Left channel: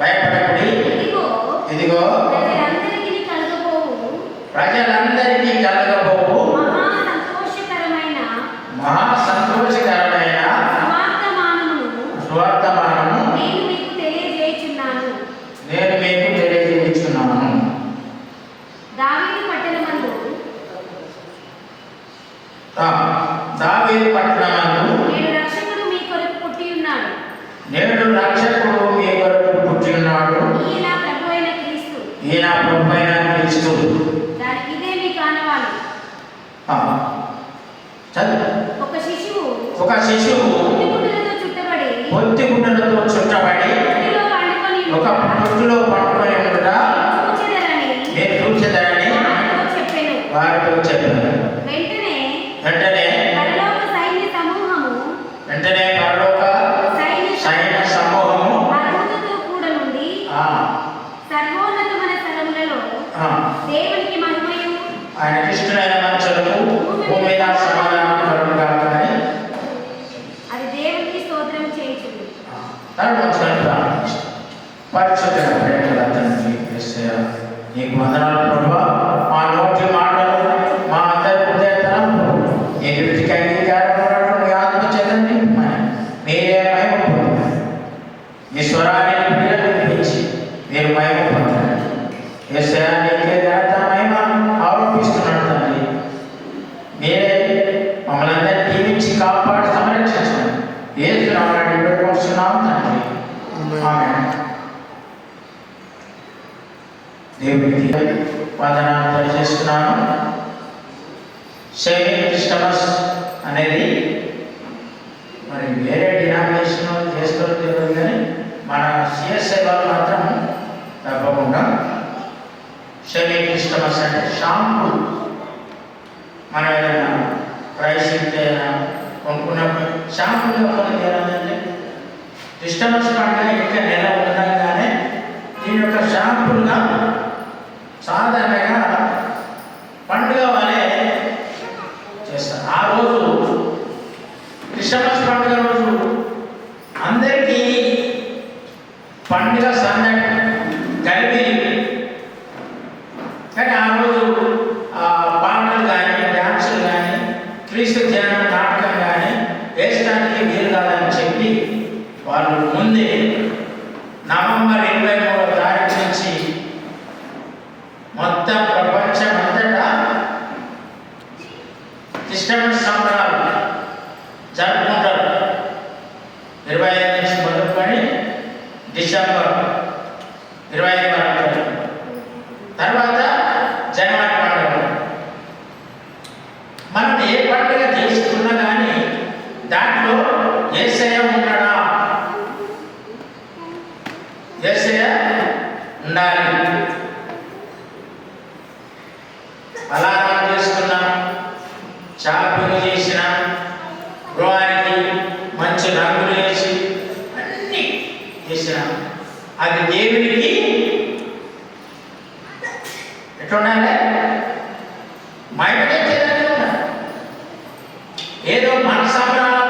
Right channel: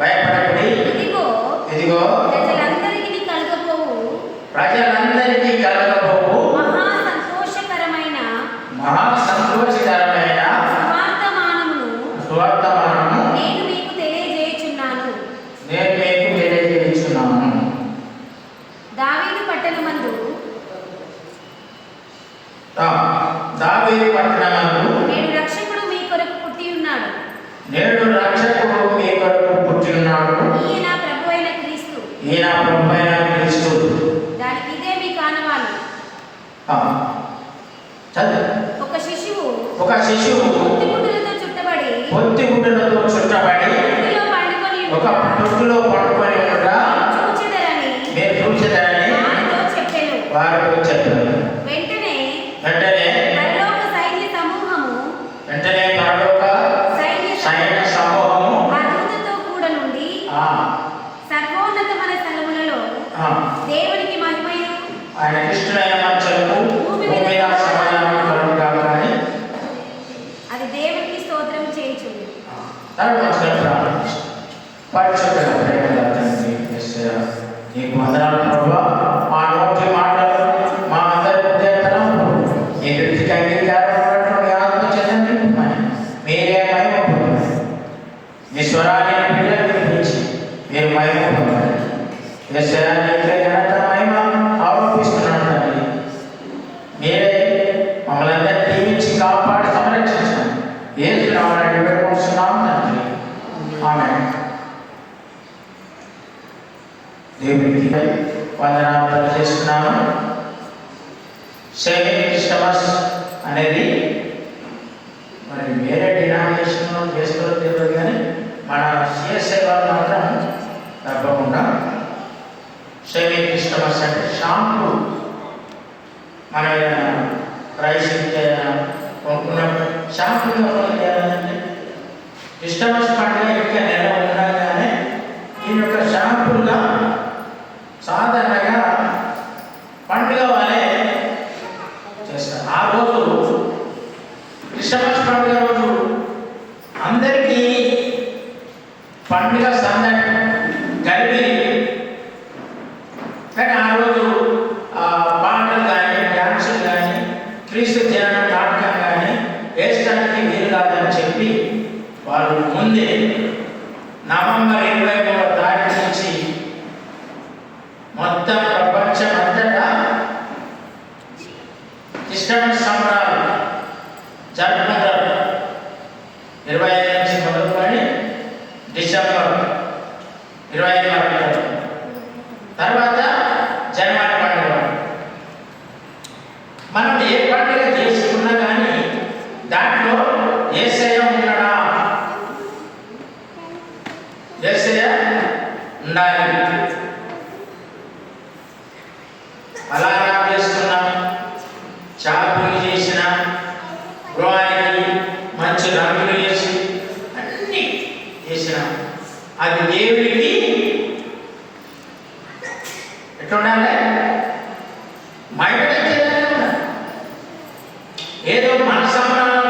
భయపడకుడి, ఇదిగో ప్రజలందరికీ కలగబోవు మహా సంతోషకరమైన సువర్తమానము నేను మీకు తెలియజేయుచున్నాను. దావీదు పట్టణమందు నేడు రక్షకుడు మీ కొరకు పుట్టి ఉన్నాడు. ఈయన ప్రభువైన క్రీస్తు. దానికి ఇదే మీ కానవాలు. ఒక శిశువు పొత్తిగుడ్డలతో చుట్టబడి ఒక తొట్టులో పడుకొని ఉండగా మీరు చూచెదరని వారితో చెప్పారు. వెంటనే పరలోక సైన్య సమూహము దూతతో కూడా నుండి సర్వోన్నతమైన స్థలములలో దేవునికి మహిమయు ఆయన ఇష్టమైన మనుషులకు భూమి మీద సమాధానం కలుగుగాకని అది దేవునికి స్తోత్రం చేయుచుంది. పరిశుద్ధ ప్రేమ తండ్రి యేసయ్యా, నీకు వందనాలు ప్రభువా. మా నోటి మాటలు మా అందరి హృదయ తలంపులు నీ దృష్టికి అంగీకారం మీ ఆత్మ చెందండి. మీరే మహిమ పొందండి. మీ స్వరాన్ని పిల్లలు వినిపించి మీరు మహిమ పొందండి. యేసయ్యా, నీకే ఘనత మహిమ ఆరోపిస్తున్నాను తండ్రి. మీరే మమ్మల్ని అందరినీ దీవించి కాపాడి సంరక్షించండి. యేసు నామములో వేడుకొంటున్నాం తండ్రి. ఆమేన్. దేవునికి వందనాలు తెలియజేస్తున్నాను. సేవింగ్ క్రిస్టమస్ అనేది మరి వేరే డినామినేషన్ చేస్తారో తెలియదు, కానీ మన సిఎస్ఐ వాళ్ళు మాత్రం తప్పకుండా సేవింగ్ క్రిస్టమస్ అంటే షాంపూ మన ఏదైనా ప్రైస్ కొనుక్కున్నప్పుడు షాంపూలో కొన్ని చేయాలంటే క్రిస్టమస్ పండుగ ఇంకా నెల ఉండగానే దీని యొక్క షాంపూగా సాధారణంగా పండుగ వాళ్ళే చేస్తారు. ఆ రోజు క్రిస్టమస్ పండుగ రోజు అందరికీ పండుగ సందడి కలిపి, కానీ ఆ రోజు పాటలు కానీ డ్యాన్సులు కానీ క్రీస్తు జనం నాటకం కానీ వేయడానికి వీలు కాదని చెప్పి వాళ్ళు ముందే నవంబర్ 23వ తారీఖు నుంచి మొత్తం ప్రపంచం అంతటా క్రిస్టమస్ సంబరాలు జరుపుకుంటారు. 25 నుంచి మొదలుకొని డిసెంబర్ 25 వరకు, తర్వాత జనవరి పండుగ. మనం ఏ పండుగ చేసుకున్నా కానీ దాంట్లో యేసయ్య ఉన్నాడా, యేసయ్య ఉండాలి. అలారం చేసుకున్నా, షాపింగ్ చేసిన, గృహానికి మంచి రంగులు వేసి అన్నీ చేసిన అది దేవుడికి ఎట్లుండాలి, మైండ్ ఏదో మన సంబరాలు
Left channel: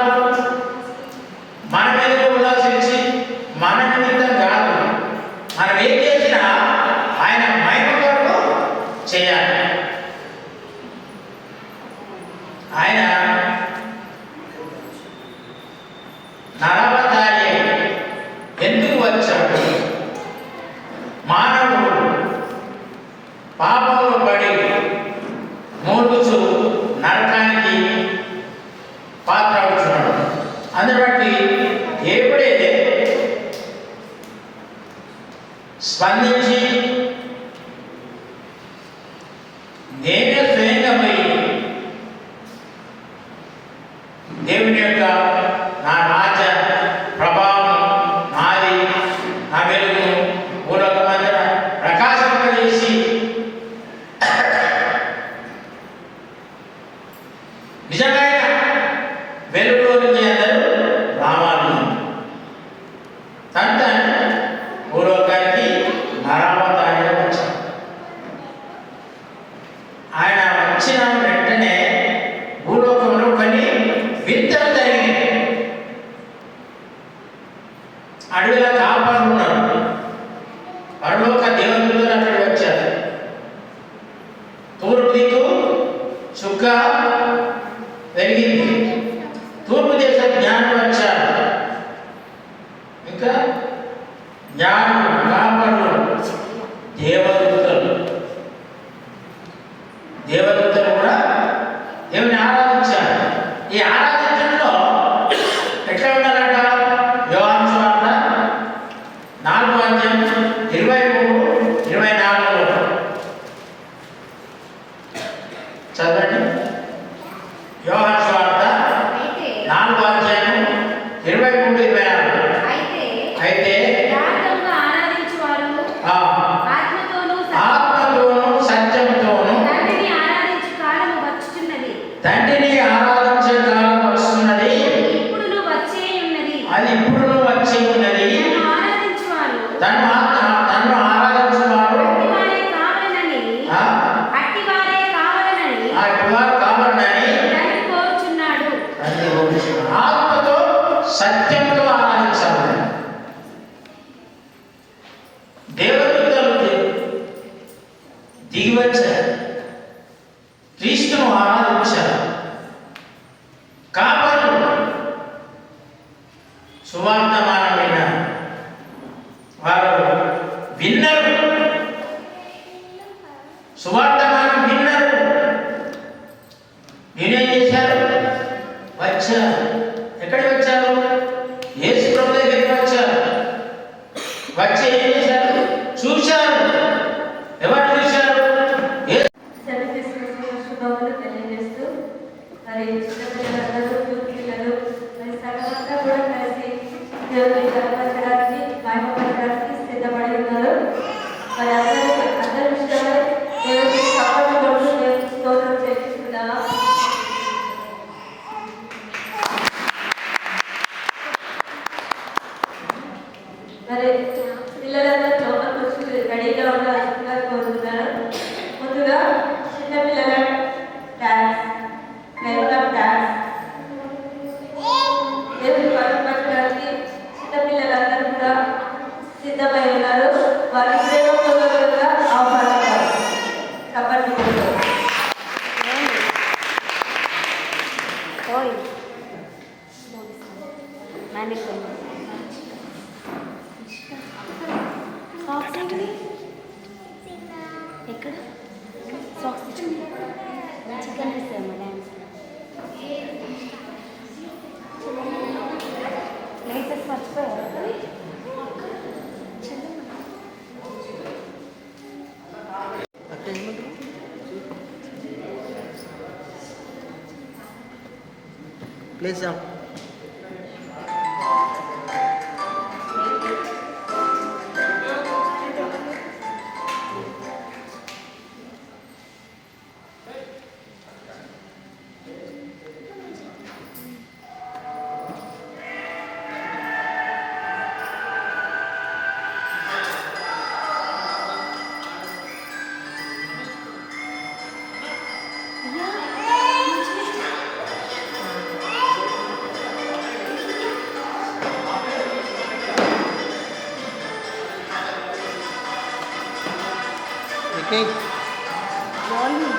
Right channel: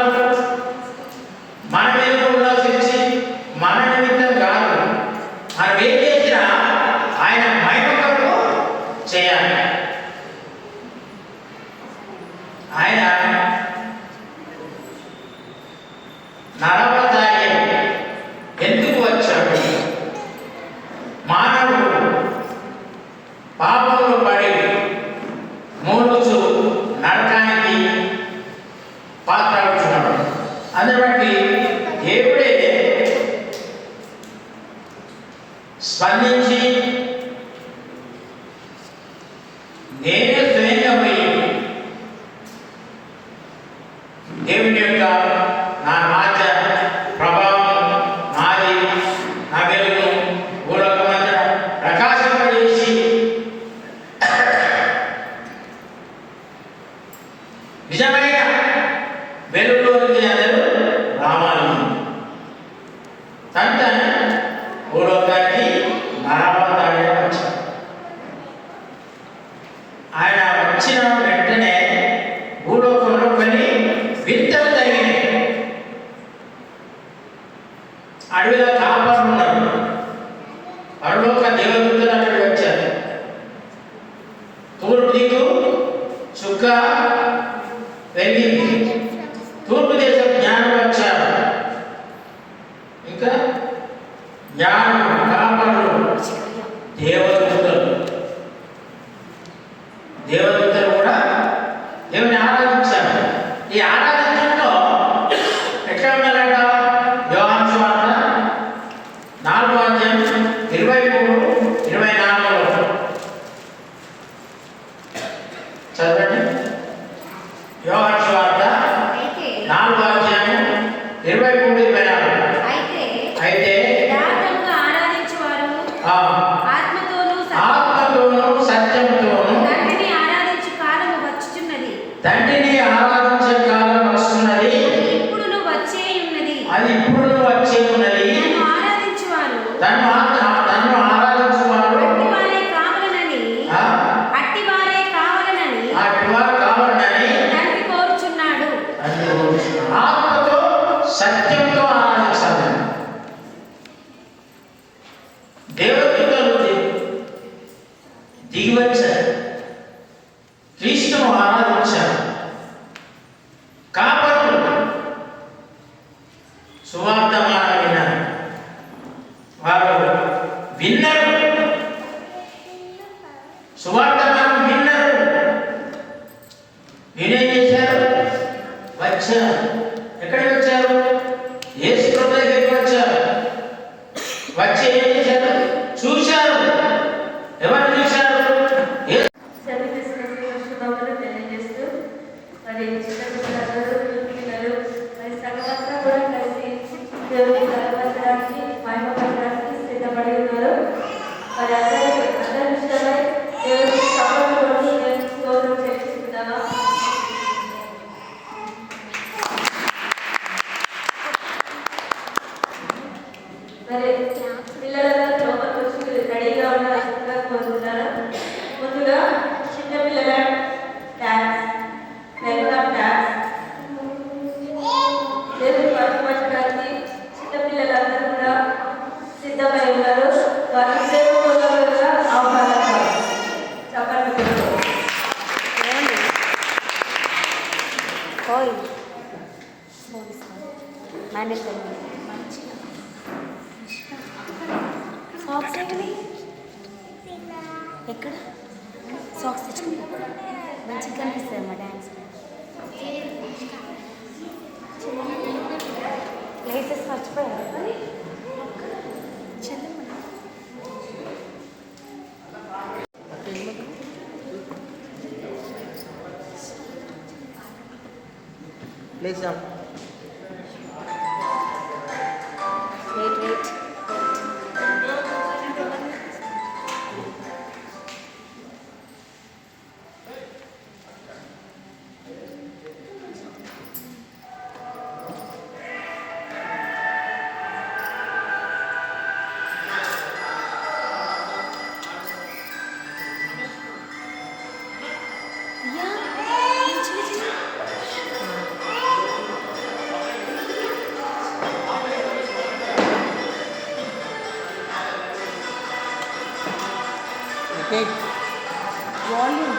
మన మీద ఉండాల్సి మన నిమిత్తం కాదు. మనం ఏం చేసినా ఆయన మహిమ కొరకు చేయాలి. ఆయన నరవతారి ఎందుకు వచ్చాడు? మానవుడు పాపంలో పడి మూడుచు నరకానికి పాత్ర అవుతున్నాడు. అందుని బట్టి దేవుడే స్పందించి నేనే స్వయంగా పోయి దేవుని యొక్క నా రాజ్య ప్రభావం నాది, నా వెలుగు భూలోకమంతా ప్రకాశింపజేసి నిజమైన వెలుగులోకి అందరూ రావాలి. తను భూలోకానికి నరవతారిగా వచ్చాడు. ఆయన వచ్చిన వెంటనే భూలోకంలో కొన్ని వింతలు జరిగినాయి. అడవిలో కాపర్లు ఉన్నారు, పెరిగింది. తూర్పు దేశం జ్ఞానం వచ్చారు. ఇంకా జ్ఞానం కాపరులు దేవదూతలు కూడా దేవుని ఆరాధించారు. ఈ ఆరాధించడంలో ఎట్లా ఉన్నారట? యోహాను సువార్త 4:23-24 చదవండి. యోహాను సువార్త 4:23-24. అయితే ఆత్మతోను సత్యంతోను తండ్రిని ఆరాధించే కాలం వస్తున్నది, అది ఇప్పుడు వచ్చే ఉన్నది. తను ఆరాధించువాడు అట్టివారు కావాలని ఆత్మతో సత్యంతో ఆరాధించాలి. దేవదూతలు దిగివచ్చారు, క్రీస్తును ఆరాధించారు. కాపరులు సువార్తమానం విన్నారు, వారు విన్నారు, సువార్తమానం విన్నారు. వీరేం చేశారు? వచ్చారు. ఎక్కడికి వచ్చారు? యేసు ప్రభు దగ్గరికి వచ్చారు. వచ్చి ఏం చేశారు? చూశారు. ఎవరు చూశారు? సిద్ధపడి ఉన్నారు. మరి అందరి విషయమై దేవుడికి స్తోత్రం చేస్తున్నావా? మరి పిల్లలందరూ లోపలికి వచ్చి రెడీగా ఉండాల్సిందిగా కోరుతున్నారు. ముందుగా చిన్నపిల్లల డాన్స్, వెల్కమ్ డాన్స్ దేవుని పట్టుబట్టడానికి చిన్నపిల్లలందరూ కూడా సిద్ధమై ఉన్నారు. వారి ప్రేమపూర్వకంగా ఆహ్వానిస్తారు. చెప్పండి. ఎక్కడ సాక్స్ తెచ్చుకుని మంచిగా కనిపిస్తుంది మా డ్యాన్స్. డ్రెస్సెస్ మర్చిపోయారు. ప్లీజ్ వాల్యూమ్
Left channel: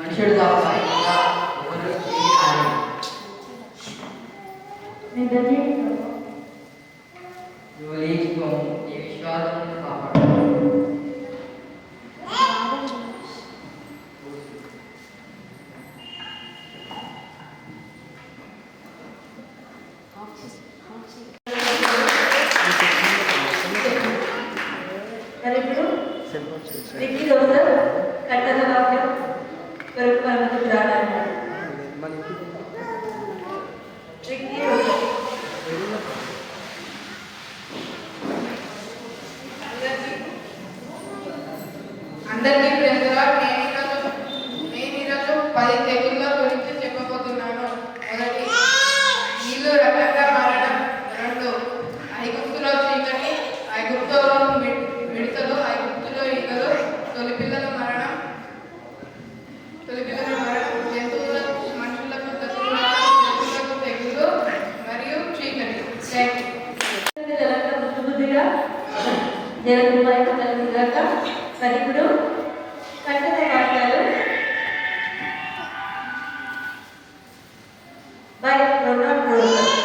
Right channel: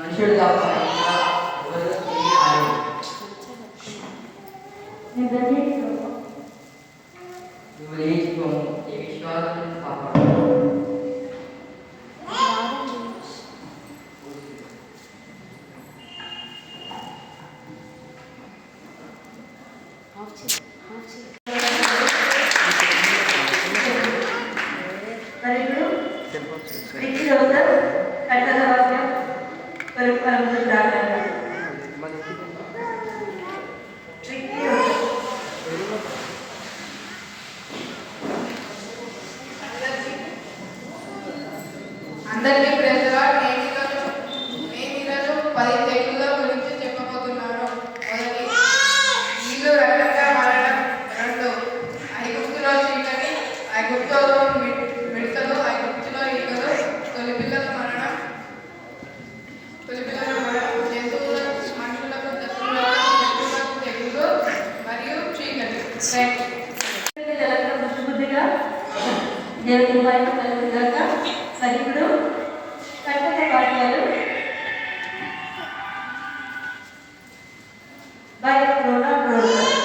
మనుషుడు తప్ప ఇంకా ఎవరు తిరిగి రాలేదు. నువ్వు లేచిపో, ఈ విశ్వాసం కాపాడు. మరి ఇప్పుడు విధి రోజు కట్టద వాక్యం కొరకు అనుకుంటున్నాను. విధి రోజు అందరికీ ప్రేమగా నేను ఈరోజు 10 తెగుళ్ళ గురించి చెప్పబోతున్నాను. మొదటి, నీళ్లు రక్తంగా మారడం. 2, ఐగుప్తులో చీకటి, ఐగుప్తులో మిడతలు, ఐగుప్తులో ఈగలు, తొలి పిల్లల మరణం, జంతువులకు మనుషులకు జంతువులకు తెగులు మరియు చీకటి. బుద్ధిగా దేవుని వైపు కలుగుగాక. మరి ఇప్పుడు కట్టద వాక్యాలు బై ప్రోగ్రామ్ ప్రోగ్రామ్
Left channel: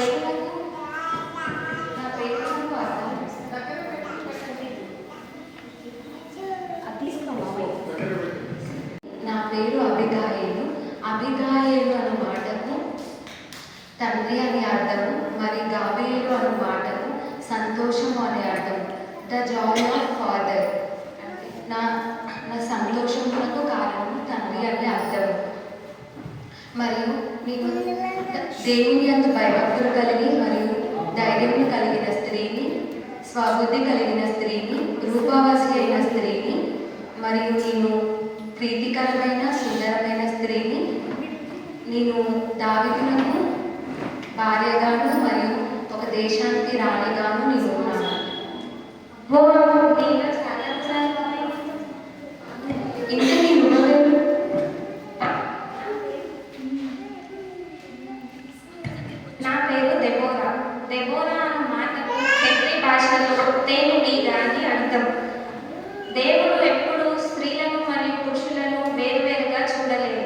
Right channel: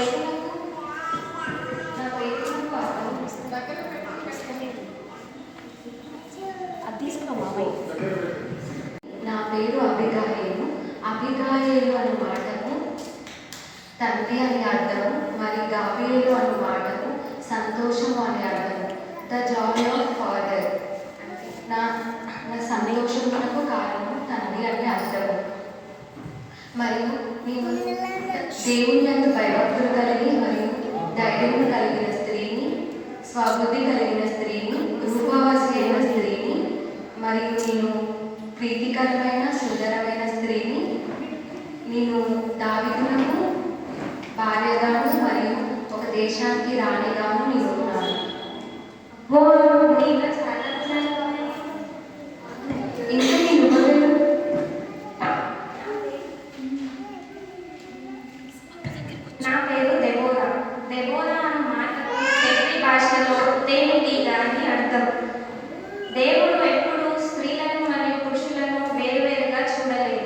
పేరు నా పేరు నా పేరు అభిగాయలు. అభిగాయలు అనే మాటకు తండ్రి అనే అర్థము, మరి గాబియేలు అనే మాటకు సంతోషము అనే అర్థము. ద జాయ్ ఆఫ్ ఫాదర్, నా నా సంతోషములకు కారణం తండ్రి అనే అర్థము. మరియు నేను దేవుని అంత భయభక్తులు కలిగి మరియు ధైర్యము కలిగిన స్త్రీని, స్వబుద్ధి కలిగిన స్త్రీని, రూపవాసి అయిన స్త్రీని, మరియు నేను ప్రీతికరమైన సుందరమైన స్త్రీని, నేను దావీదునకు భార్యగాను మరియు ఒక దేశానికి రాణిగాను నేను ఉన్నాను. ఇంటికి నువ్వెవరు? నా పేరు దెబోరా. దెబోరా అన్న మాటకు హెబ్రీ భాషలో తేనెటీగ అని అర్థం. దేవుడు ఎప్పుడూ స్త్రీలను మరియు పురుషులను వేరువేరుగా చూడలేదు,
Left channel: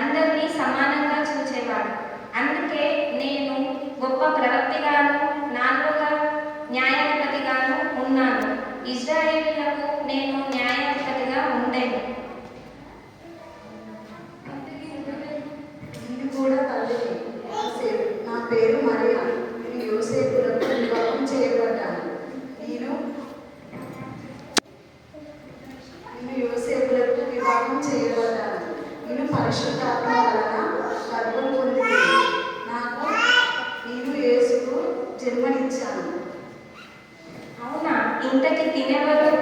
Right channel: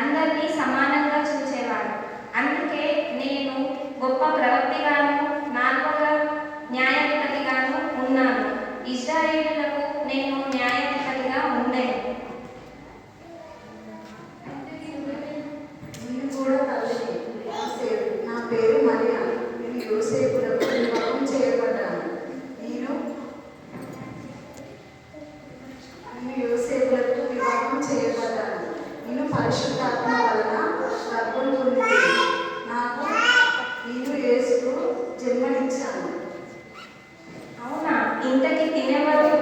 అందరినీ సమానంగా చూచేవాడు. అందుకే నేను గొప్ప ప్రవక్తిగాను, 4వ న్యాయాధిపతిగాను ఉన్నాను. ఇశ్రాయేలీయులకు నేను న్యాయాధిపతిగా ఉండేను. నేను కూడా తల్లిని. నా పేరు మరియా. నేను యోసేపులకు వివాహం చేయబడ్డాను. నేను యోసేపులకు వివాహం చేయబడ్డాను. నేను పరిశుద్ధాత్మ వలన గర్భం పొందింది. నేను యేసుకు జన్మనిచ్చాను. అవునా? ఇంతకి తినేవారు?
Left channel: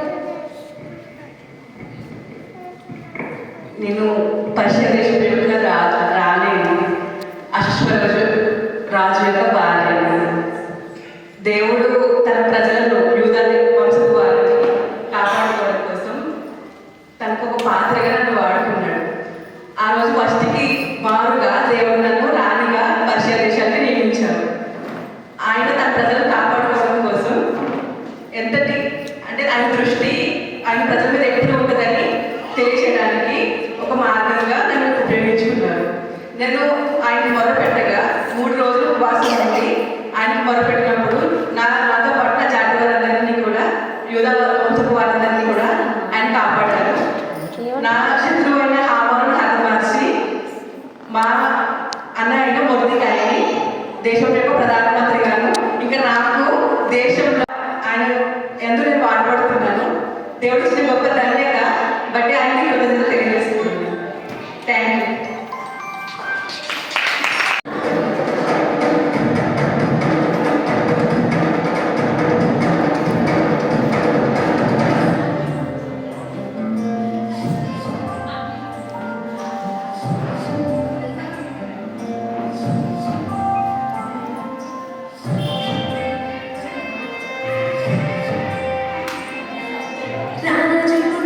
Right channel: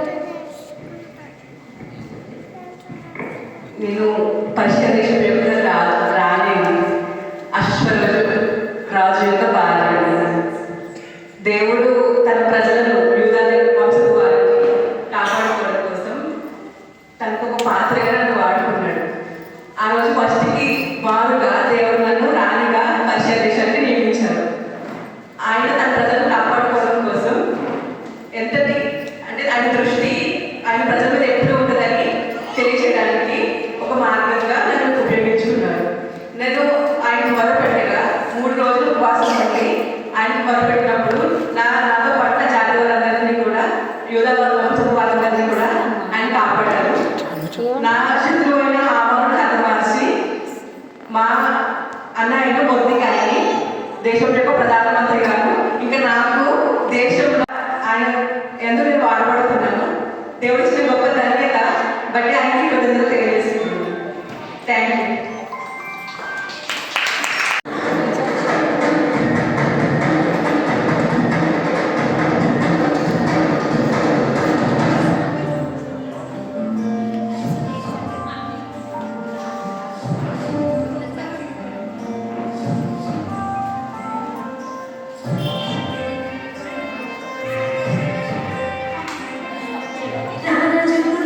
నేను పర్షియా దేశం యొక్క రాలేను, అశ్వరాజు రాజు యొక్క భార్యను. దేవుడు తన ప్రజలను యూదా వంశపు వారిని కాపాడుకోవడం కోసం తనకు ఒక పాత్రగా నన్ను వాడుకున్నాడు. ఆ రోజు ఫస్ట్కి వారుగా దేవుడు నన్ను రాణిగా పర్షియా దేశానికి నియమించారు. ఆయన తన ప్రజలను కాపాడుకోవడం కోసం ఎంతటి అంటే ఆయన దృష్టి ఆయన ప్రజల మీద ఎప్పుడు ఉంటుందని తెలియజేయడానికి ఒక మార్గంగా నన్ను ఉపయోగించుకున్నారు. నేను ఆయన మొదలుపెట్టగా 3 రోజులు ఉపవాసం ఉండి ఆయన మొదలుపెట్టినప్పుడు నాతో పాటు నా జాగ్రత్తలందరినీ కూడా యూదా వంశపు వారందరినీ కూడా ఆయన కాపాడారు. నా శత్రువు అయిన హామాను హతమార్చి మా అన్నయ్య మొదటికాయని దేశం యొక్క ప్రధానమంత్రిగాను ఇంకా నాకు దేశంలో ఆయన ఎందుకు నేను బాధపడుతున్నాను. దేవుడు ఇచ్చిన గొప్ప ధన్యత బట్టి ఆయనకి కృతజ్ఞతలు తెలియజేస్తున్నాను. Thank you. రాజు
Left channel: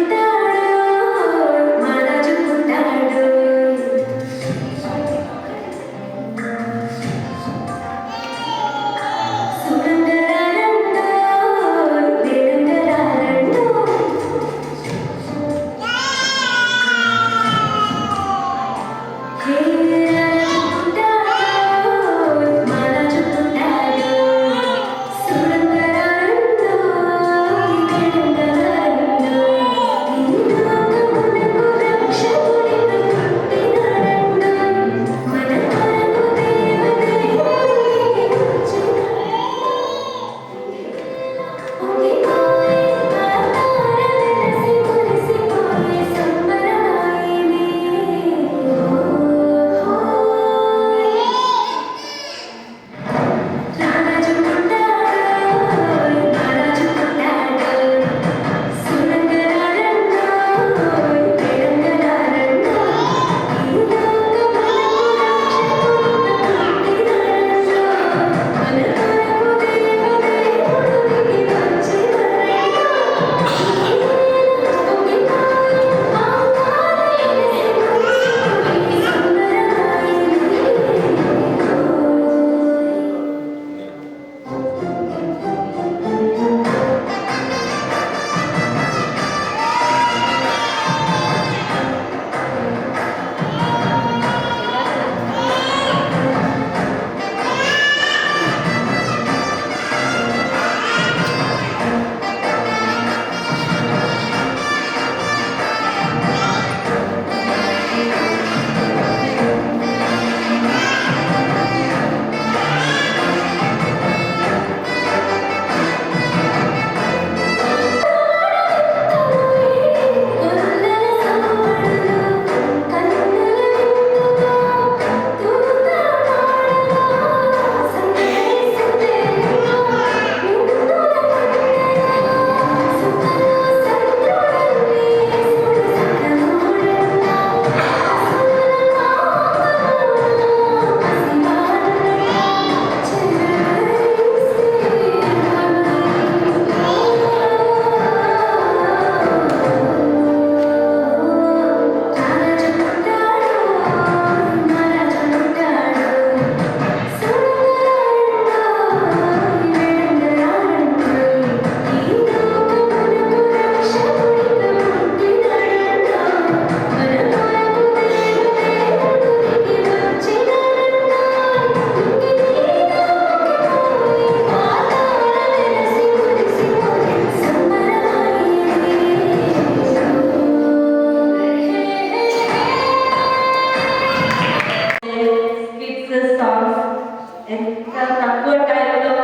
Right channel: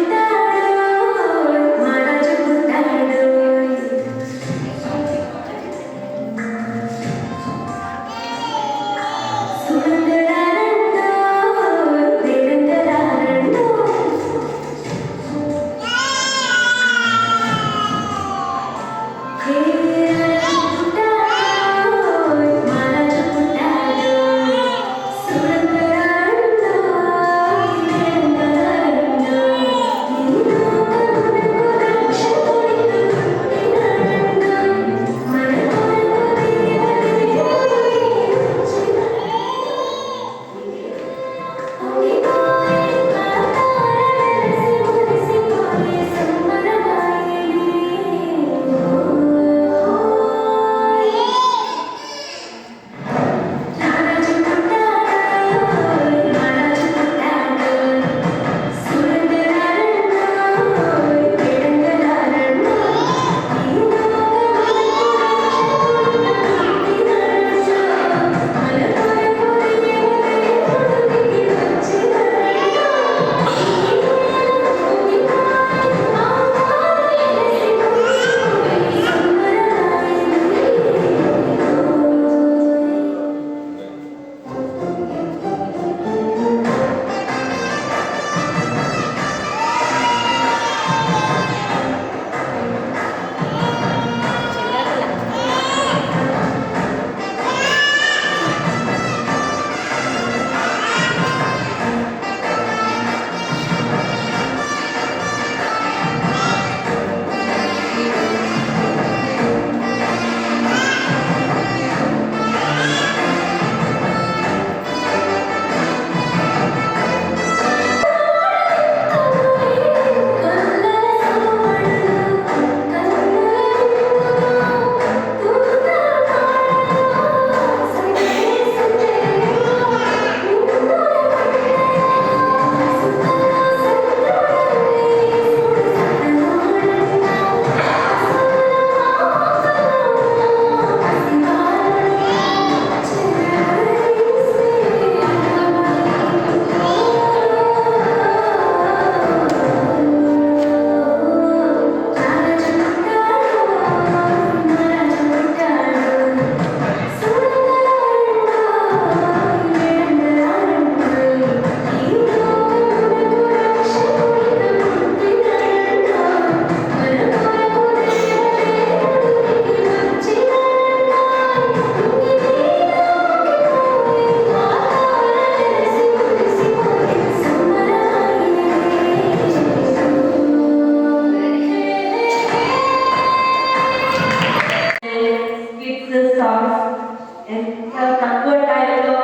తక్కువ టైంలో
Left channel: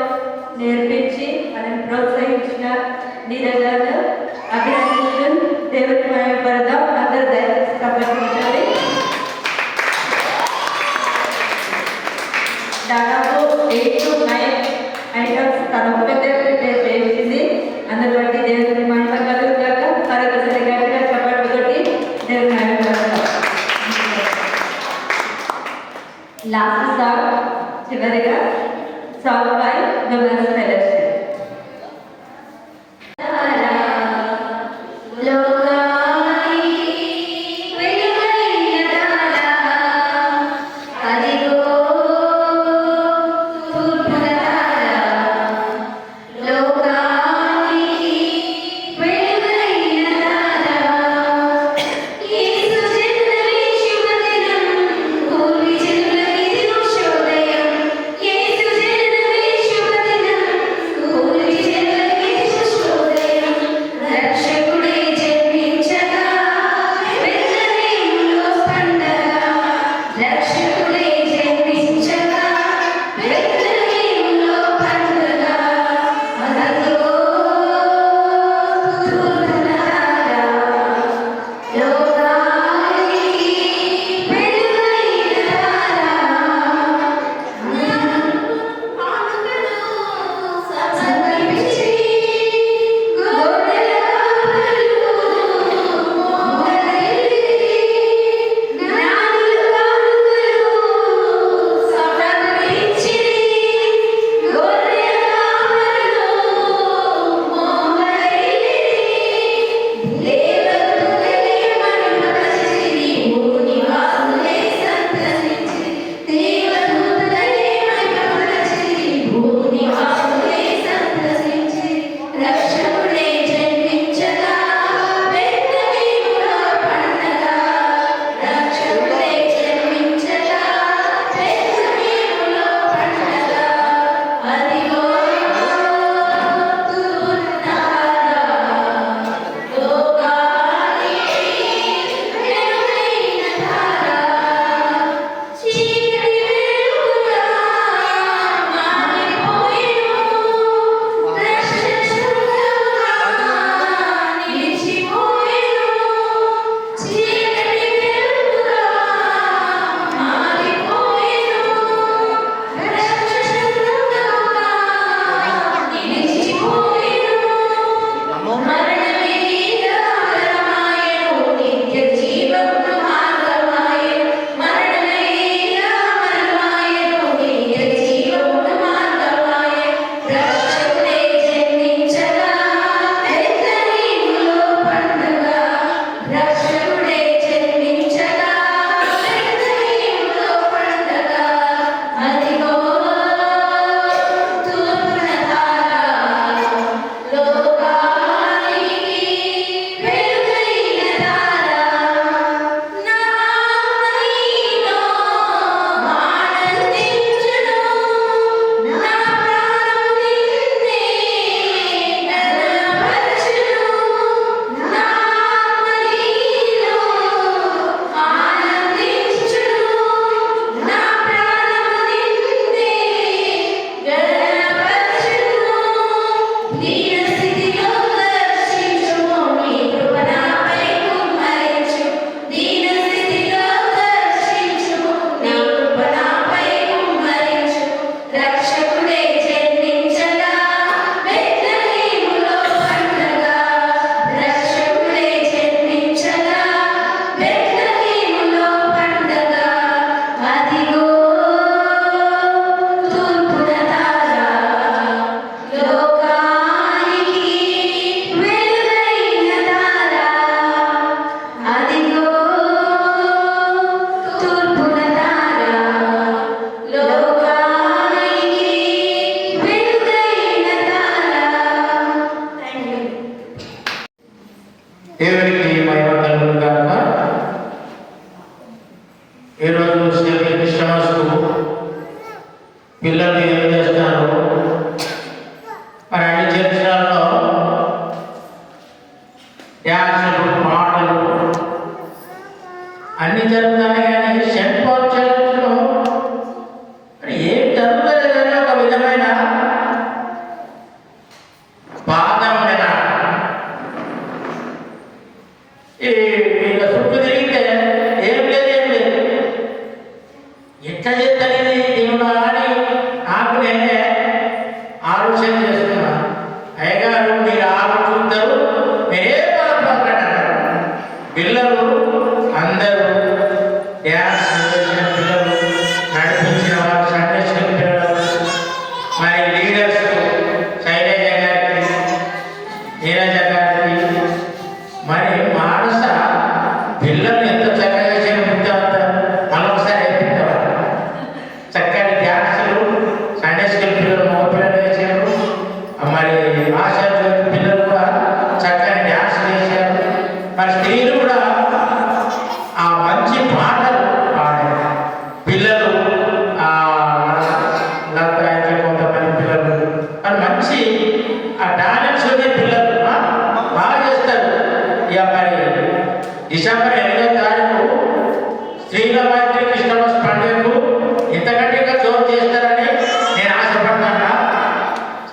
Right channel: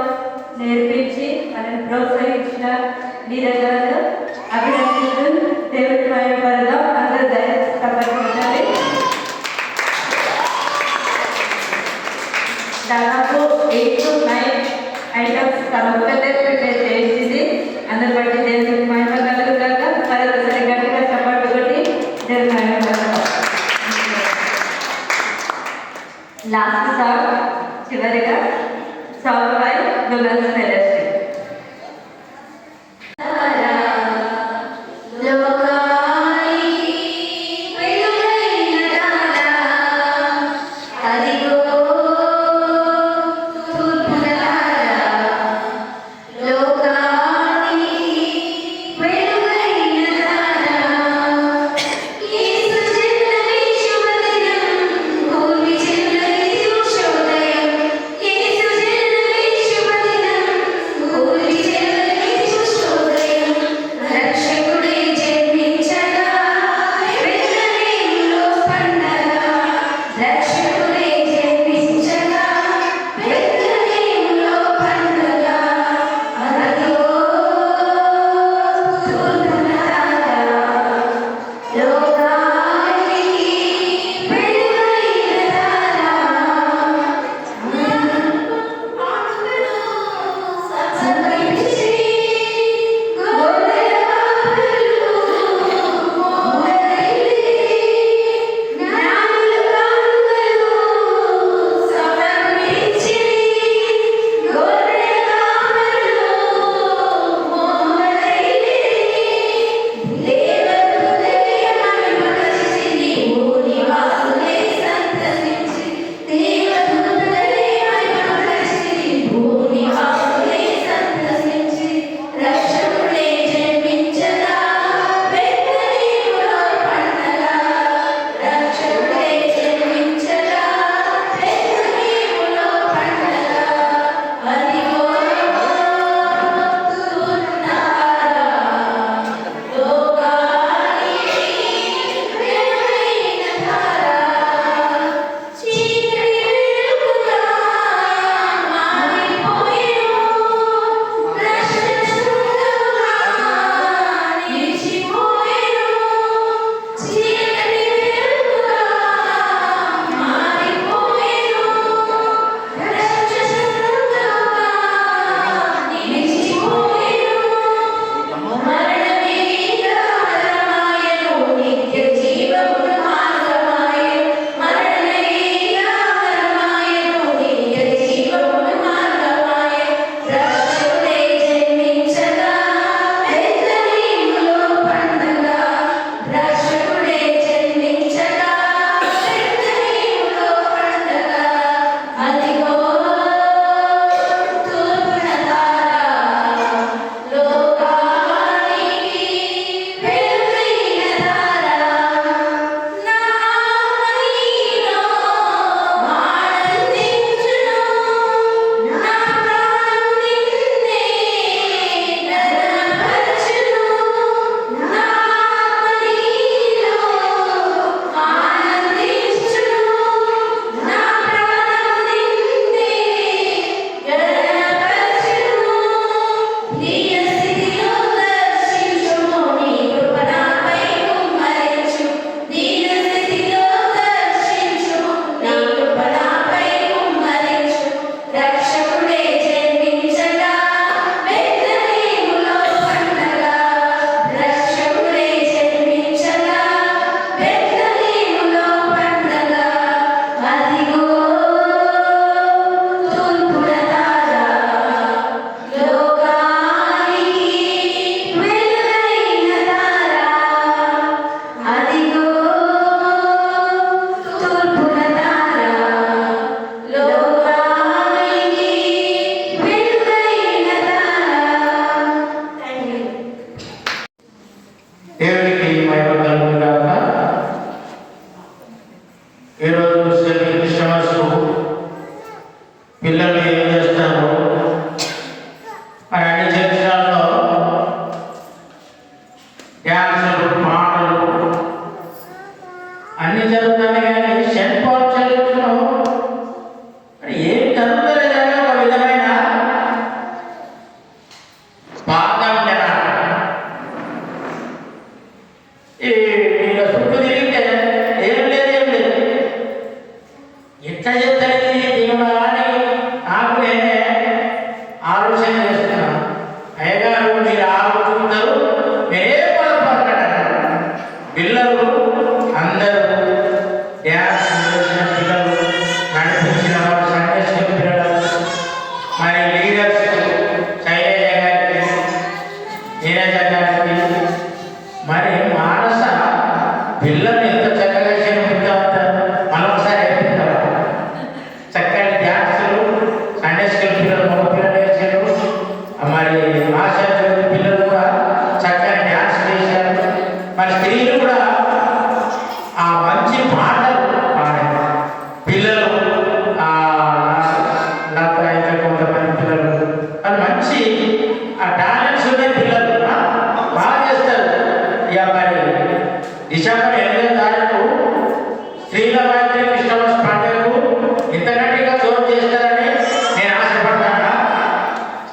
నేర్పించి మనం ప్రోత్సహించిన నీరజ్ గారు అభినందిస్తూ దేవుడి మహిమపడదాం. అందరూ దయచేసి కాబట్టి దాదాపు 8 to 9 ఐటమ్స్ తన ఒక్కటే ప్రిపేర్ చేసింది. అందరు బట్టి దేవుడికి మహిమ కలుగుగాక. మరొకసారి గట్టిగా చప్పట్లు కొట్టి దేవుడి మహిమ కలుగుతాం. లాస్ట్ సాంగ్ చివరిగా సాంగ్ బై దుర్గాస్ ఫెలోషిప్. లోకాయి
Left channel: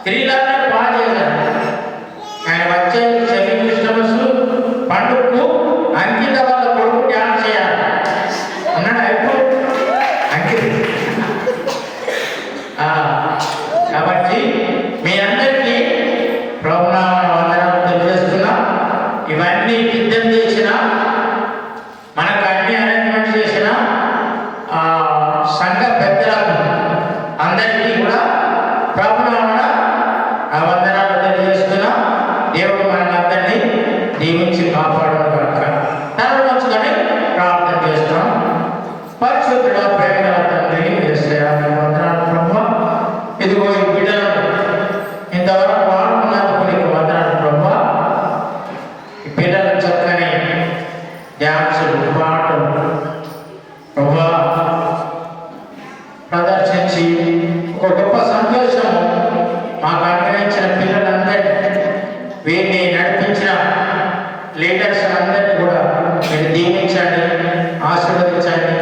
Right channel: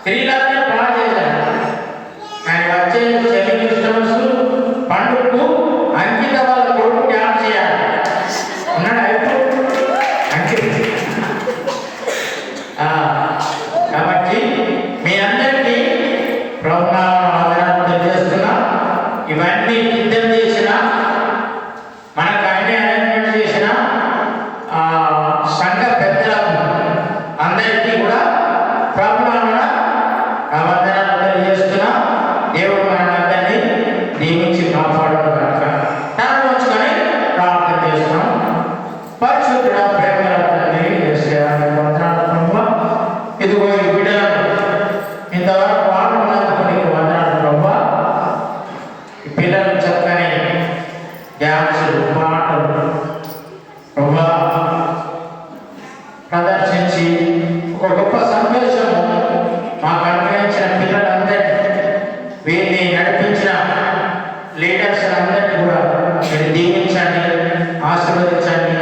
కిరీటాన్ని బాగా చేశాడు. ఆయన వచ్చే చెవి క్రిస్టమస్ పండుగకు అంకిత వాళ్ళ కొడుకు డ్యాన్స్ చేయాలి ఉన్నాడు అయిపో కాబట్టి మీ అందరికీ ప్రభునామం తెలియజేస్తున్నా. ఇవన్నీ సిద్ధం చేసిన మనకు అన్ని అరేంజ్మెంట్ చేసిన సంఘ పెద్దలకు అందరికీ కూడా ప్రభునామం వందనాలు తెలియజేస్తున్నా. దేవుడు మనందరినీ దీవించి కాపాడక తరలించుకొని ప్రార్థన చేస్తున్నాం. పరిశుద్ధుడ ప్రేమల తండ్రి యేసయ్యా వందనాలు ప్రభువా. ఇదిగో ఈ బిడ్డలను ఇంతవరకు వాడుకున్నందుకు నీకు వందనాలు ప్రభువా. ఈ పిల్లలు చక్కని డ్యాన్సులు పాటలు ప్రభువా ప్రదర్శించి ఒక గొప్ప సంతోషం మాకు అనుగ్రహించిన పిల్లలందరినీ వీరిని నడిపించిన లీడర్స్ అందరినీ కూడా మీరు దీవించండి, ఆశీర్వదించండి.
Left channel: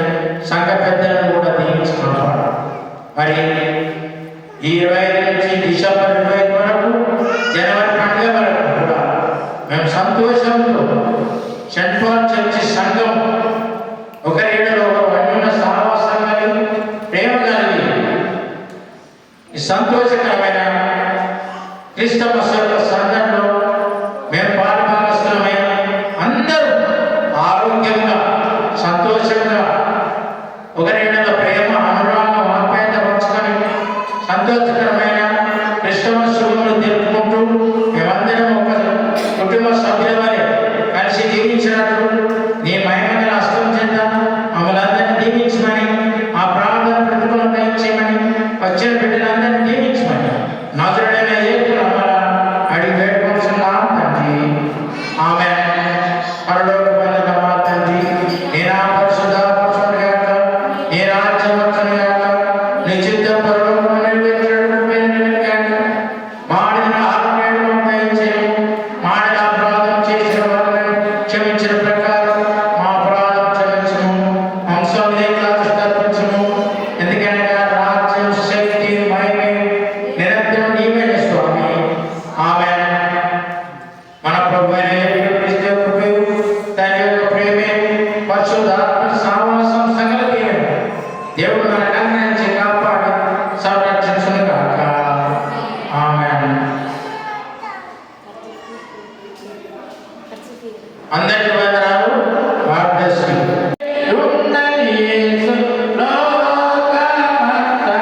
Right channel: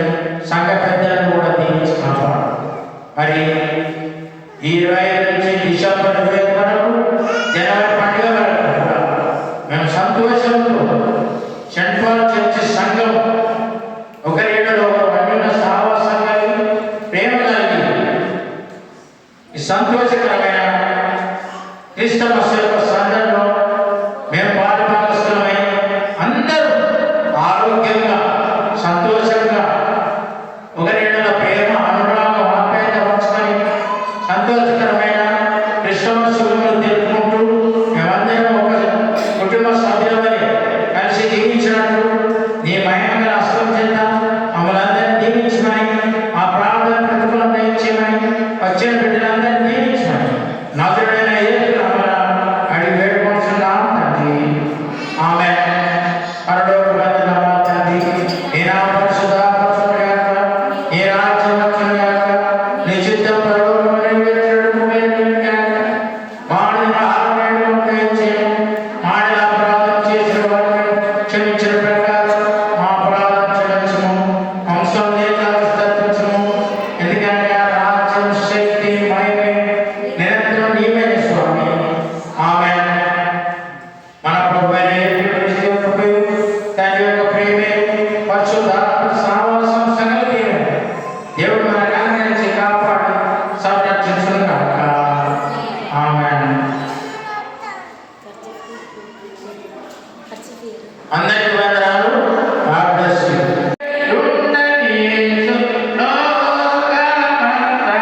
సంఘ పెద్దలను కూడా దీవించుకుంటాం. మరి ఈ 25 నుంచి డిసెంబర్ 25 వరకు జనవరి పండుగ వరకు కూడా మేము సంతోషంతో సెంట్ పాల్ చర్చి సంఘం ఒకరిలో అన్యుల సహవాసంగా ప్రేమ కలిగి ఈ సంతోషకరమైన క్రిస్టమస్ యొక్క సందర్భంలో మేము పాల్గొనవలసినమే. అందరూ ఆరోగ్యంగా సంతోషంగా ఒకరిలో ప్రేమ అనురాగం ఆప్యాయత పంచుకొని సంతోషకరమైన క్రిస్టమస్ విలువలు తెలుపుకుంటూ మేమందరం ఒక కుటుంబ సభ్యులమని కలిసి దీవించినట్టు నీ మహిమను హస్తం చేద్దాం. మమ్మల్ని అందరినీ దీవించమని మా ప్రార్థన ప్రతిఫలం దయచేయమని వచ్చిన బిడ్డలందరినీ దీవించమని నజరుడైన యేసు నామమున అడిగి వేడుకొనుచున్నాం తండ్రి. ఆమేన్. పరలోకమందున్న మా తండ్రి, నీ నామం పరిశుద్ధపరచబడును గాక. నీ రాజ్యం వచ్చును గాక. నీ చిత్తం పరలోకములో నెరవేర్చుటకు మేము గాక. మాడిన ఆహారమును దయచేయము. మాడిన అపరాధం చేసిన వారిని క్షమించిన ప్రకారం మా అపరాధం క్షమించుము. వంశం లేక తప్పించుము. ఎందుకనగా రాజ్యం, శక్తి, మహిమ నిరంతరం నీవే స్వామి. ఆమేన్. మన ప్రభువైన యేసుక్రీస్తు యొక్క కృపయు, తండ్రి యొక్క ప్రేమయు, పరిశుద్ధాత్మ సహవాసం సకల దీవెనలు దేవుడు మనందరినీ నుంచి కాపాడి సంరక్షించును గాక. ఆమేన్. అందరికీ వందనాలు. God bless you. ఉన్నది యేసు లోకమంతటా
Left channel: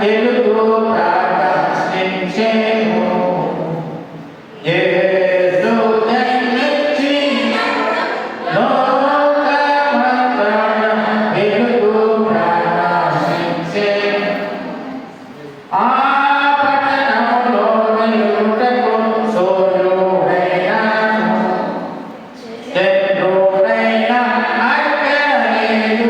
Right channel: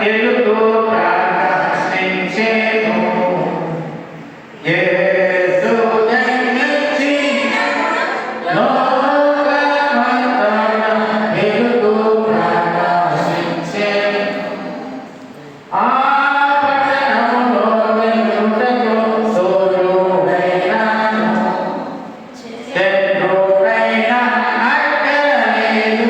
వెలుగు ప్రకాశించెను. యేసు జన్మించి లోకమంతటా వెలుగు ప్రకాశించెను. ఆ పట్టణంలో వెలుగుటకు సూర్యుడైనాడు. చంద్రుడైనా అక్కరలేదు.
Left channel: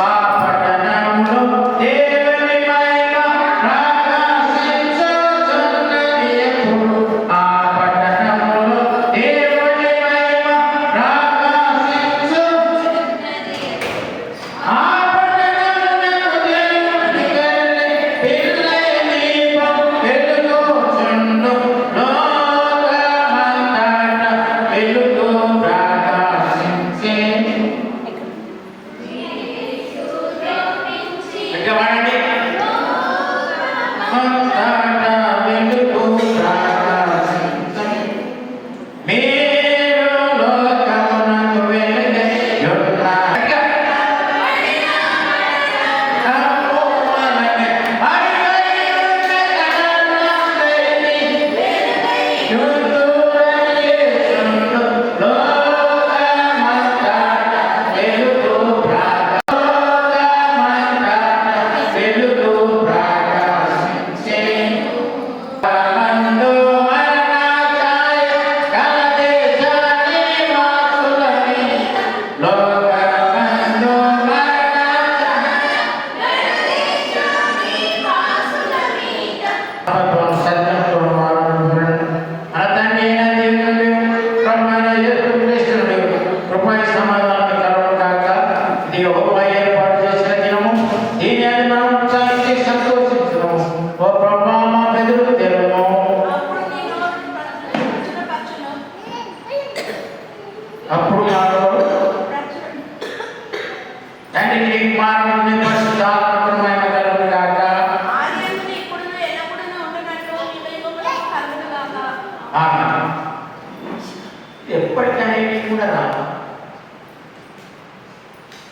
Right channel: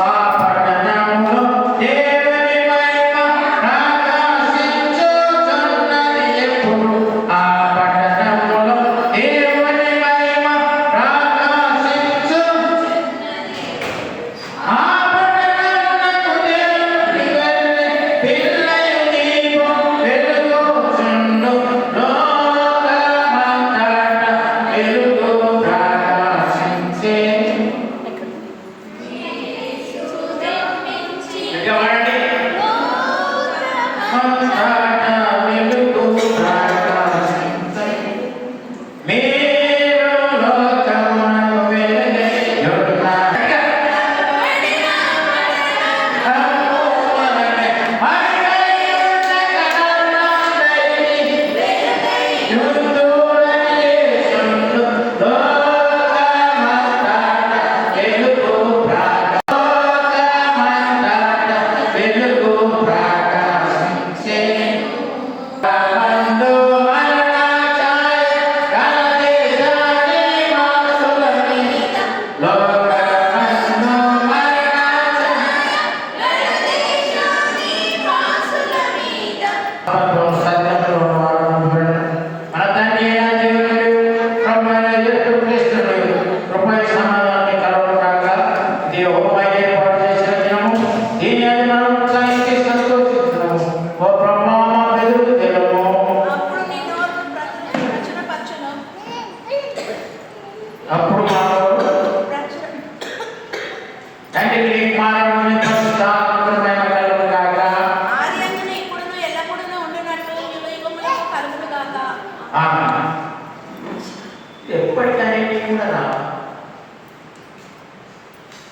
ఆ పట్టణంలో దేవుని మహిమ ప్రకాశించుచున్నది ఎప్పుడు. ఆ పట్టణంలో దేవుని మహిమ ప్రకాశించు. ఆ పట్టణమునకు దేవుని గొర్రె పిల్లయు దీపం వెలుగుచుండు. లోకమంతటా వెలుగు ప్రకాశించెను.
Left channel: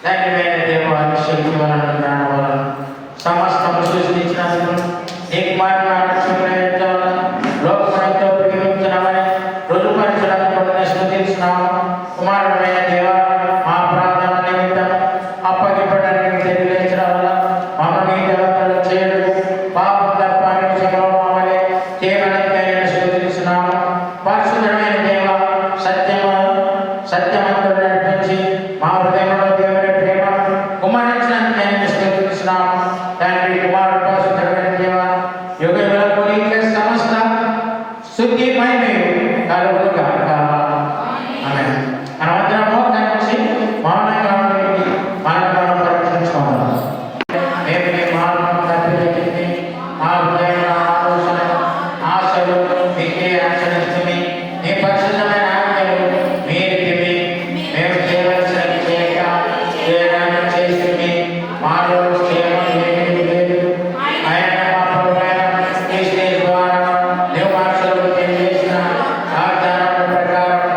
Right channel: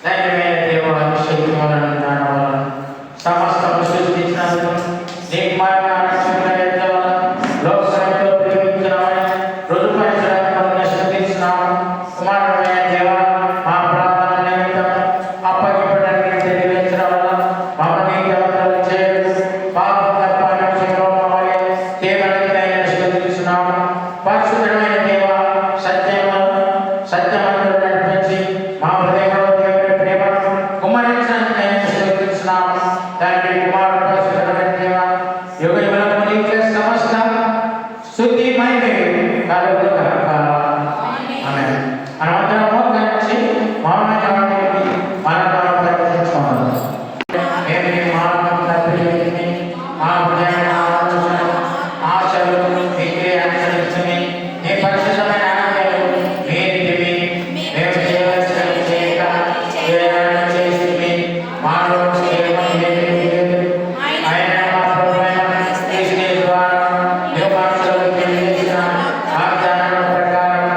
తండ్రి దేవ శక్తి వలన జ్ఞానం వలన సమస్తము సృష్టించినందుకు నీకు లోకమంతో ప్రేమించినవని రుజుపరిచినందుకు స్తుతిస్తున్నాము. కుమారుడైన దేవ మా ప్రార్థన నిమిత్తం అప్పగింపడానికి తెలియజేసిన వల్ల మమ్మల్ని దేవతలు చేయడు పాప తప్పని వలె చేయడానికి స్తుతిస్తున్నాము. పరిశుద్ధమైన దేవ సత్యమంతో నడిపించి మా హృదయంలో దేవుడి ప్రేమను కుమారించడానికి స్తుతిస్తున్నాము. తండ్రి కుమారుడు పరిశుద్ధమైన దేవ యుగములకు నీకే సమస్త స్తుతి మహిమ కలుగును గాక. ఆమేన్. అనంతరం మోకరించి మౌనంగా ఉండి మనలో ప్రకటించుకోవాలి. మేము నీ మార్గం ప్రతిని మా హృదయ ఆలోచన ఆశలు మీకే అనుసరించుని నీ పరిశుద్ధమైన ఆజ్ఞలు మీరిటివి మేము చేయవలసినవి చేయడానికి చేసి మాలో చేయమని ఏమీ లేదు. ఆయన మా ప్రభువైన క్రీస్తు ద్వారా నీవు మాటలు తెలియజేసిన వాగ్దానముల ప్రకారం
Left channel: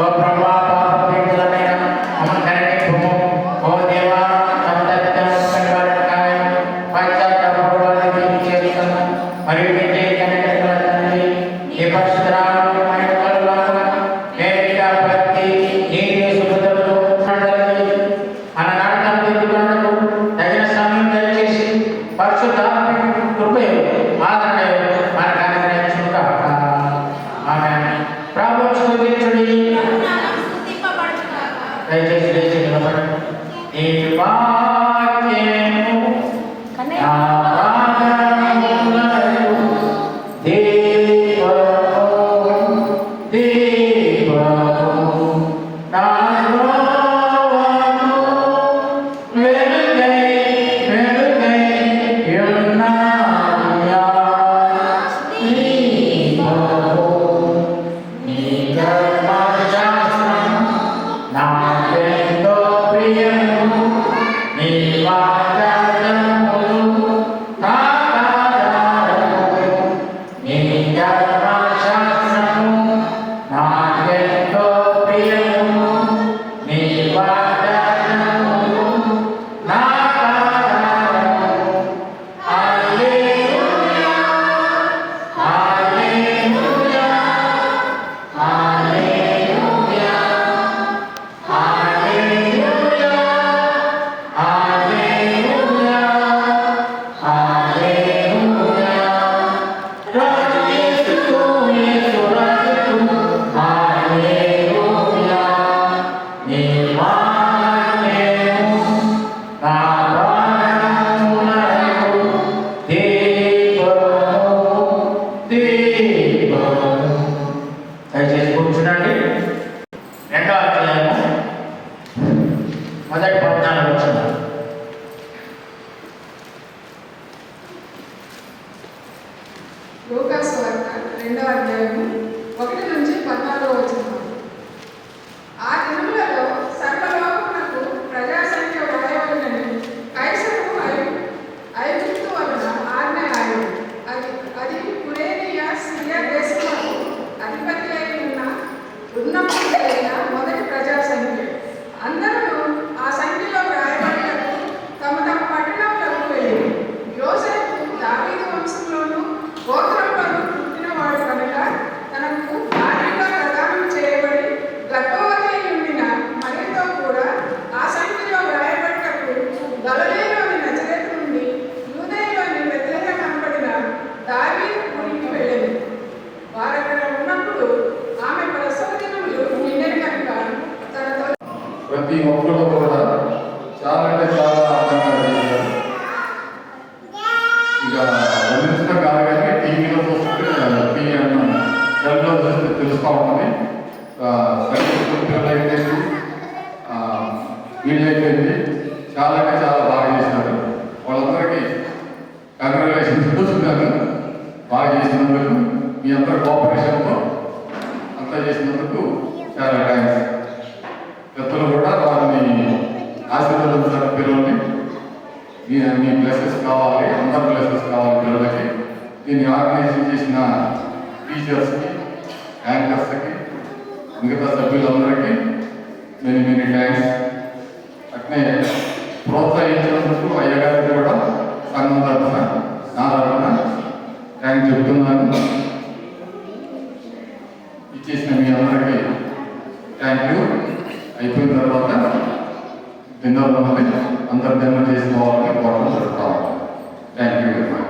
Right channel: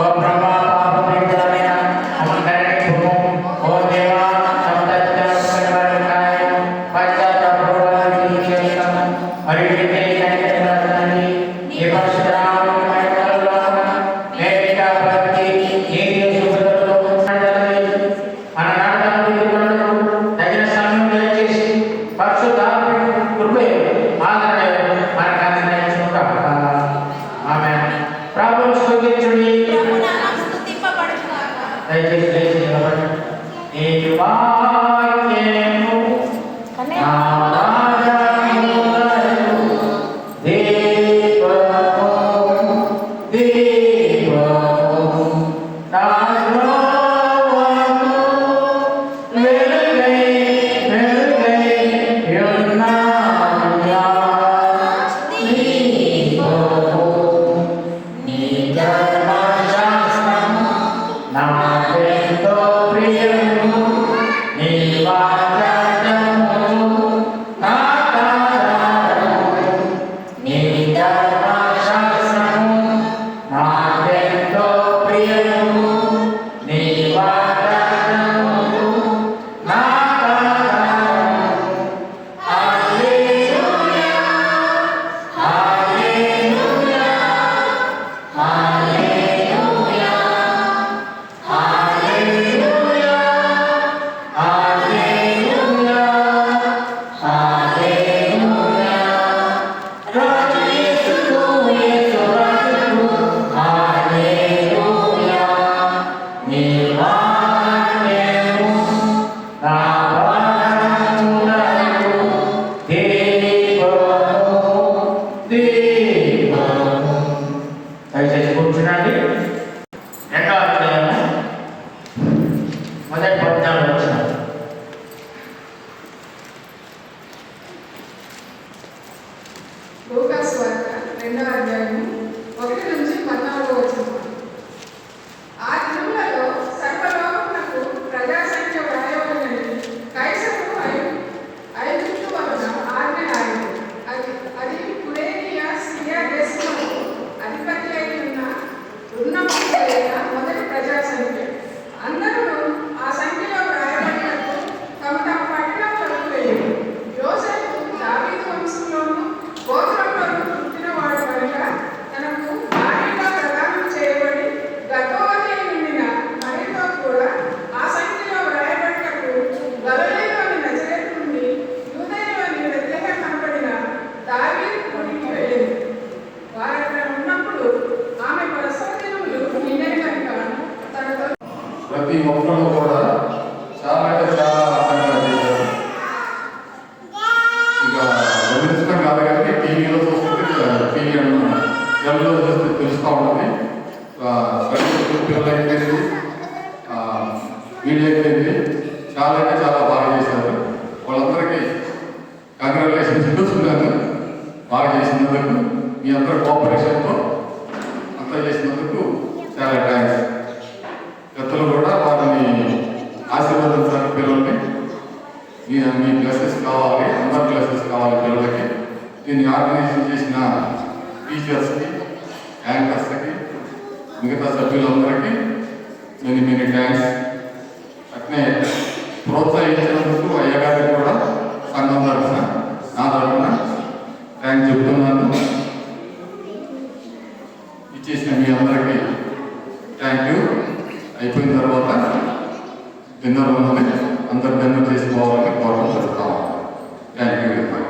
ఓ ప్రభా పాపపీడితులైన మమ్మల్ని ఓ దేవా పశ్చాత్తాపపడాలని చేస్తున్నాను. మరియు నీకే తండ్రి ఈ పరిశుద్ధనామమున నేరుగా ప్రతి నీతి శుద్ధులతో తగిన సమయం దయచేసి పరిశుద్ధాత్మ కృపే ఆదరణ మనకు అందించును గాక. ఆమేన్. ప్రభువు స్తుతించుడి. దయచేసి నిలబడండి. ఈ వాక్యము నా ప్రాణమునకు దీపము నా త్రోవను వెలుగై ఉన్నాయా. దీపము నీ ధర్మశాస్త్రము నాకెంతో ప్రియము. నీ వాగ్దానములు నాకాధారము. నీ ధర్మశాస్త్రము నాకెంతో ప్రియము. నీ వాగ్దానములు నాకాధారము. హల్లెలూయా హల్లెలూయా హల్లెలూయా హల్లెలూయా హల్లెలూయా హల్లెలూయా. రాజు యేసుకు యేసు రాజుకు హల్లెలూయా. నీ వాక్యము నా ప్రాణమునకు దీపము. దయచేసి కూర్చునండి. రెండవ అధ్యాయము మొదటి 14 వచనం. లూకాసు వార్త 2వ అధ్యాయము 1 నుంచి 14 వచనం. ఆ దినములలో సర్వలోకమునకు ప్రజా సంఖ్య వ్రాయవలెనని కైసరుకు ఐగుప్తు వలన ఆజ్ఞ ఆయను. అది కురేనియా సిరియా దేశములకు అధిపతి అయి ఉన్నప్పుడైన మొదటి ప్రజా సంఖ్య. అందరూ ఆ సంఖ్యలో వ్రాయబడినప్పుడు తమ తమ పట్టణములకు వెళ్ళి యోసేపు దావీదు వంశంలోను గోత్రంలోను పుట్టినవాడు కనుక తనకు భార్యగా ప్రదానం చేయబడి గర్భవతి అయి ఉండిన మరియతో కూడా ఆ సంఖ్యలో వ్రాయబడినప్పుడు గలిలయలోని నజరేతు నుండి యూదయలోని బెత్లెహేము అనబడిన దావీదు ఊరికి వెళ్ళింది. వారక్కడ ఉన్నప్పుడు ఆమె ప్రసవ దినములు నిండెను కనుక తనతో ప్రతి ఒక్కరు కూడా చాలా అంటే చాలా అందంగా చేశారు. ఇక వదిలించడం కాదు కానీ టీవీలో చూస్తుంటే టీవీ అన్న సెల్లో చూస్తే తెలుస్తూ ఉంటుంది. పిల్లలు అయిపోయింది, వీళ్ళు అయిపోయింది. చాలా అంటే చాలా బాగా చేశారు. వాళ్ళందరికీ కంగ్రాచులేషన్స్ చూస్తున్నాను. బాగా చేసినందుకు మీ అందరి కోఆపరేషన్తో అంతా చేసినందుకు చాలా థ్యాంక్స్. పెద్దలు కూడా వారిని ఆశీర్వదించారు. పిల్లల్ని మీ బ్లెస్సెస్ కావాలి, అందరి బ్లెస్సెస్ కావాలి పిల్లలకి. దీన్ని ఆర్గనైజేషన్ చేసిన టీచర్స్కి, యాంకర్స్కి, మిగతా సభ్యులందరికీ మెనీ థ్యాంక్స్. ప్రోత్సహించినందుకు అయ్యగారికి కూడా సంఘం తరఫున నా తరఫున థ్యాంక్స్ చెప్తున్నాను. ఇచ్చేసిన మీ అందరికీ థ్యాంక్ యూ. అయిపోయిన తర్వాత డిన్నర్ ఉన్నది, అందరు డిన్నర్ చేసుకోవాలని కోరడం జరుగుతాము. Thank you very much.